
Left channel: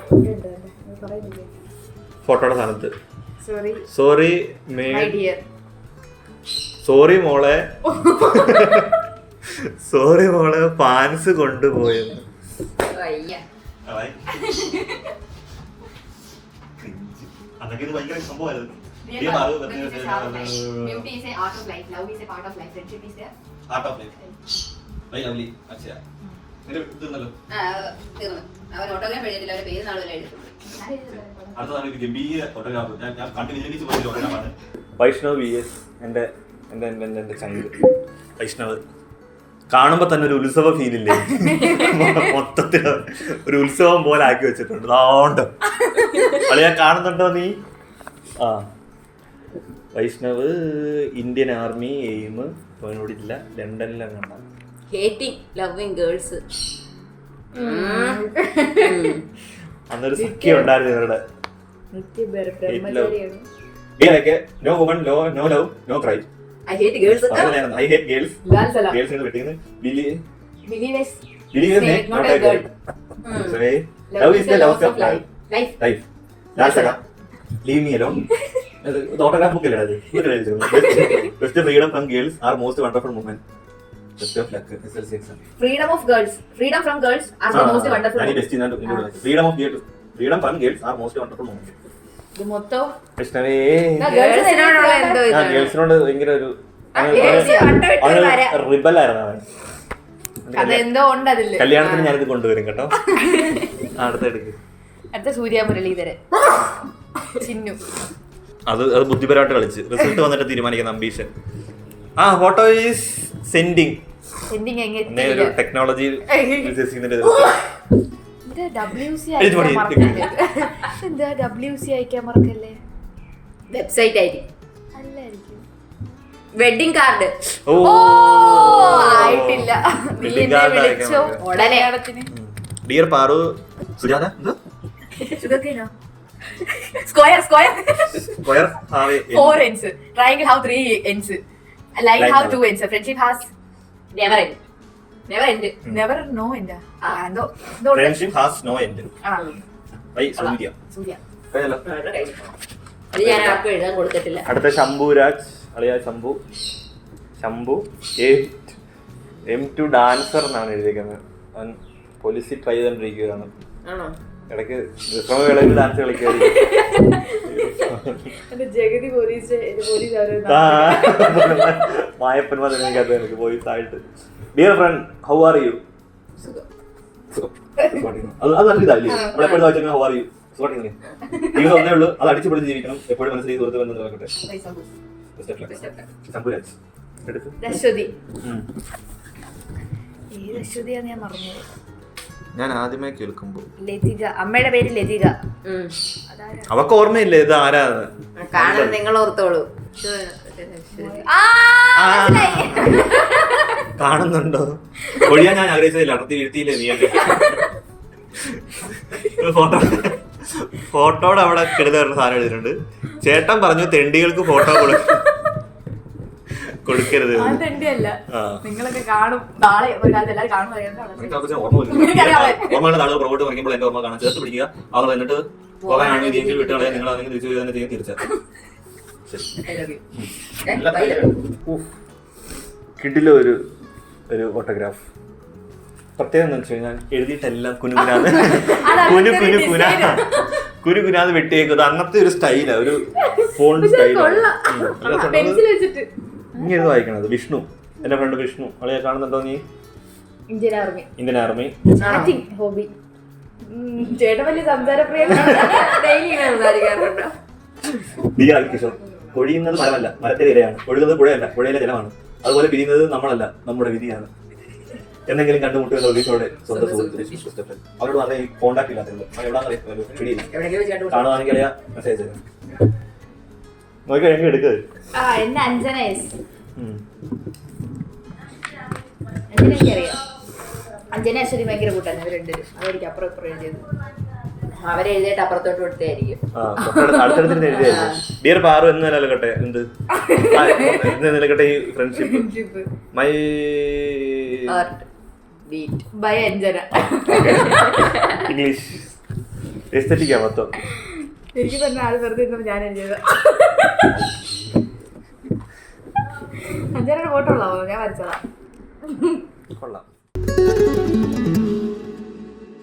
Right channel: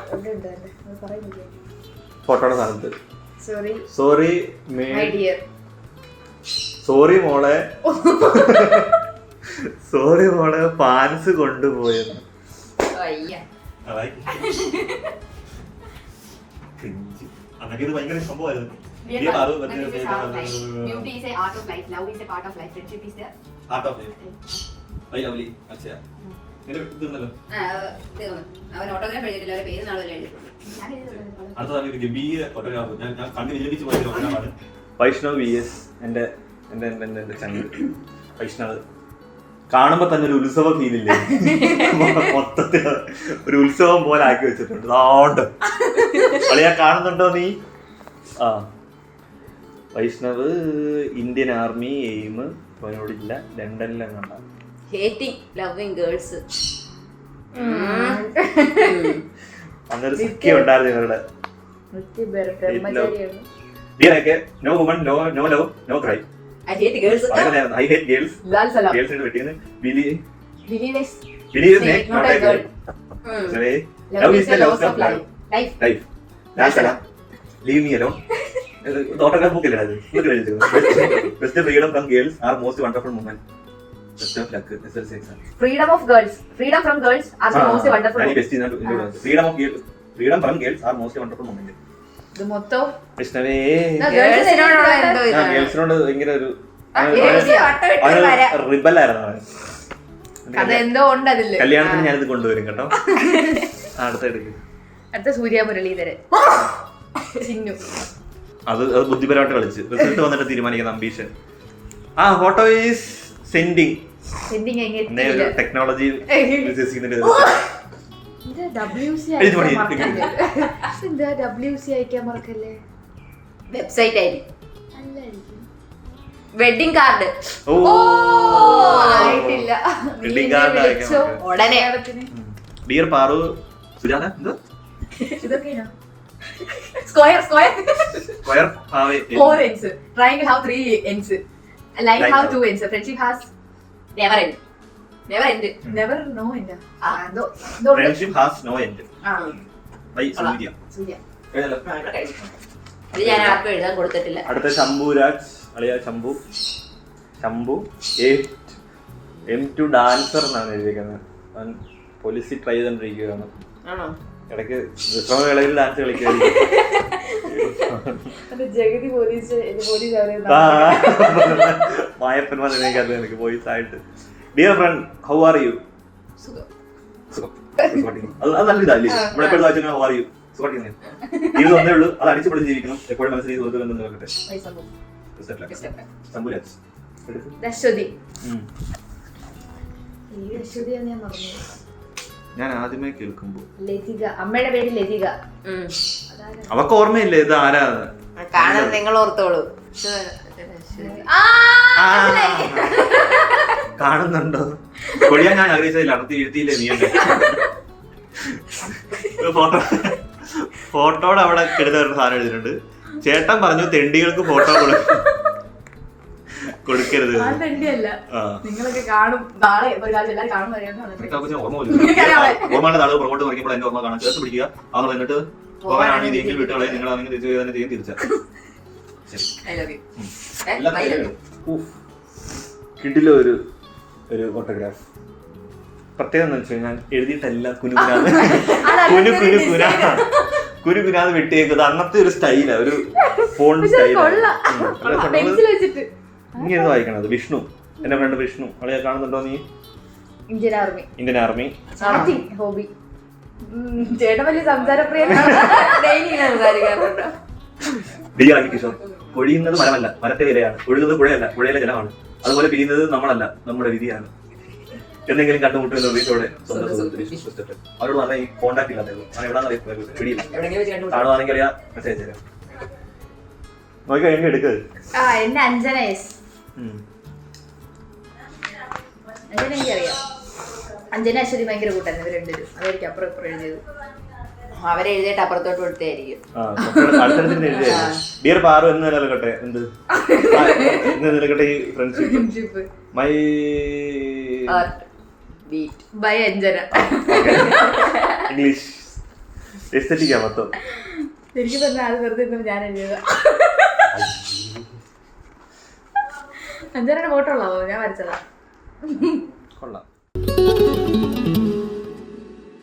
പറയുന്നില്ല ഫോട്ടോയുടെ സ്ഥാനത്ത് സോറി മൈ ഡിയർ. സോറി മോളെ സോറി മോളെ പാൻസ് കൊണ്ടുപോയെന്ന്. അതൊക്കെ ഇത് ഭയങ്കര സംഭവമായിരുന്നു. Beauty is a art of life. Love is a part of life. Friendship is the art of life. I love you. അച്ഛാ ഇത് ഇതുണ്ടല്ലോ. അവൻ ഓട്ടോഗ്രാഫ് എഴുതിയില്ല. അവരുടെ പേര് നാളെ എഴുതി. അടുത്തതാണ് ഒരു ഗംഭീര ഫോട്ടോഗ്രാഫ്. ഞാൻ കണ്ടു വിചാരിച്ചു പോയ ഫോട്ടോഗ്രാഫാണ്. വൈഷ്ണവ് VS എന്റെ ചങ്ക് വൈഷ്ണവ്. കാണുമ്പോ തന്നെ ഒരു ഉത്സവ ഫീലില്ലേ, മൊത്തത്തിൽ ഒരു ഉത്സവം പോലെ ആക്കി വെച്ചിട്ടുണ്ട്. അതുകൊണ്ട് അളിയാ കാണുന്നുണ്ടോ നീ? വൈഷ്ണവ് ഇന്ത്യൻ ആർമി എയിം അവനോടില്ല, ലണ്ടനിലും കണ്ട. Hating loving girls. അന്നൊരു സിക്കി ഉണ്ടായിരുന്നു ഇവരുടെ. No woman no love no cry. I hate girls. I hate girls. Girls എന്ന് വെട്ടിയാണ്. Believe is not a girl. Love is the love of life. That's all. Leave me alone. Autograph book ഇല്ലടാ ഇത്. Best freedom from girls are most wonderful moment. Best of luck. SLC exam. Freedom from girls are the most wonderful. Freedom from girls are most wonderful moment. ഇത് മൊത്തം കൃഷ്ണവേ ഗേൾസിനോട് ഗേൾസിനോട് ഭയങ്കര ഒരു റിബൽ ആയിരുന്നു അവൻ. അതെന്തോ ഉണ്ട് അതില്. കല്യാണത്തിന് ഞാനിത് കൊണ്ടുവരും കേട്ടോ. അടുത്ത സൂര്യ മുരളീധരൻ ചിന്നു. അത് ബുദ്ധിപരമായിട്ട് കളിച്ച് റിസൾട്ട് വന്നിട്ട് തീരുമാനിക്കുന്ന ambition. Photo is sending technology WC അയക്കാൻ മറക്കല്ലേ. വെബ്സൈറ്റ് ആയിരിക്കും. Wedding card. ആയിട്ടില്ല. ഉടനെ. Dear Paru Sujatha Square 4 ends. Triangle have 3 ends. Line have 2 ends. Friendship has never end. Never no end. Friendship has no end. By Surya. അത് ഞാൻ ആർക്കും എഴുതാൻ കൊടുത്തിട്ടില്ല. അടുത്ത ശംഭുരാജ് അളിയ ശംഭു M2 ഡാൻസർ എന്നാണ് എഴുതിയിരിക്കുന്നത്. പോലീസിൽ ട്രൈ ചെയ്തോണ്ടിരിക്കുകയാണ്. ഇടയ്ക്ക് വിശ്രമവേളയിൽ ഡാൻസ് കളിക്കുമായിരിക്കും. മായപ്പൻ വന്നിരിക്കാത്ത എനിക്ക് പോലീസ് ആയിട്ട്. Dear friend how are you? അത് നല്ല ഇതല്ലേ നമ്മളെപ്പോഴും ചോദിച്ചാൽ ഹൗ ആർ യു? സുഖമായിട്ട് ജീവിതം ഒന്നേ ഉള്ളൂ, അത് അടിച്ചു പൊളിച്ച് ജീവിക്കണം. എപ്പോഴും മനസ്സിൽ സുഹൃത്ത് ബന്ധം നോക്കട്ടെ. സംഭുരാജ് എടുത്ത്. അശ്വതി. ഉം. ഏത് അശ്വതിയാന്ന് ഞാൻ പറഞ്ഞു. ഞാൻ ആദ്യമേ കേൾക്കുമ്പോ ലതിക. അമ്മയുടെ പേര് ലതിക. അവക്ക് ഓർമ്മയില്ലേ ഇത് ആരാന്ന്? കാണാൻ നിങ്ങൾ ഓർത്തോളൂ. കാണുന്നുണ്ടോ? ഒഴിയാൻ ഞാൻ ആഗ്രഹിച്ചതില്ല, അടുത്ത് എഴുത്തിയില്ലേ നീ എന്നെ. ഫോട്ടോയുടെ അവിടെ കെടുതായിരുന്നു സാധനം എഴുതിയിട്ടുണ്ട്. ചേട്ടൻ പറഞ്ഞു തെണ്ടികൾക്ക് ഫോട്ടോ കൊടുക്കരുത്. നിങ്ങളൊക്കെ കാണും നാളെ ഓർമ്മയുള്ള നാളെ പുറകോട്ട് നോക്കുമ്പോൾ എന്റെ ഓർമ്മ കാണാൻ ചേർത്ത് പിടിക്കുക. അവർ വന്നിട്ട് പോകാനാണ് രീതിയിൽ വിട്ടുകളെ നിങ്ങൾ അതിനെ തിരിച്ചു തന്നെ ചെയ്യും. തിരിച്ചറിയാം കിടിലോ ഒരു ഓട്ടോഗ്രാഫ്. പ്രത്യേകം എന്ന് വെച്ച് കഴിഞ്ഞാൽ എഴുതിയിട്ടെല്ലാം കുനുകുനാന്ന് വെട്ടിയേക്കുന്നത്. അന്നത്തെ ഒരു സ്റ്റൈലാ, ഒരു ഫോൺ സ്റ്റൈലാണ്. ഇങ്ങനെ വായിക്കണത് വിഷ്ണു, എന്റെ ഫ്രണ്ട് വിഷ്ണു. അവളെ കാണുന്നുണ്ടോ നീ? Indian army hobby. ചേട്ടൻ വലിയ സംസാരപ്രിയനാണ്. കിഷോർ. പൊഴിയുന്നത് മരമല്ല, മരത്തെ ഇലയാണ്. ഒഴുകുന്നത് പുഴയല്ല, പുഴയിലെ ജലമാണ്. അതുപോലെ പിരിയുന്നത് നമ്മളല്ല, നമ്മുടെ വിധിയാണ്. എന്തെങ്കിലും കണ്ടുമുട്ടുന്ന പ്രതീക്ഷയോടെ സ്വന്തം സുഹൃത്ത് അവരോട് പറഞ്ഞ ഈ കോണ്ടാക്ട് ഇല്ലാത്തത് എവിടെയാണെന്ന് പിടിയില്ല. കാണുവാണെങ്കിൽ അറിയാം, മെസ്സേജ് തരാം. നോക്കി കഴിയുമ്പോൾ എടുക്ക്. എന്നെ അഞ്ജനേസ്. അഞ്ജനയ്ക്കറിയാം. അഞ്ജന അശ്വതി ഭയങ്കര കൂട്ടായിരുന്നു. ഇവർ രണ്ടുപേരും അതായിരിക്കും അപ്പുറം ഇപ്പുറം എഴുതിയത്. അവരെഴുതിയിട്ട് അപ്പുറത്തോട്ട് കൊടുത്തായിരിക്കും. അടുത്തടുത്ത് എഴുതിയായിരുന്നു. ഡിയർ പാറു എന്ന് നിലനിൽക്കട്ടെ. എന്ത് നിലനിൽക്കട്ടെ ഈ friendship. My by Anjana. English എസ്തെറ്റിക്കാ മൊത്തം. ശരിക്കും പറഞ്ഞാൽ ആൾ വെറുതെ ഇരുന്നത് ഞാൻ എഴുതിയത്. അഞ്ജനയുടെ ഫോട്ടോ ഉള്ളാവോ? ഞാൻ വരച്ചതാ. കൊള്ളാം.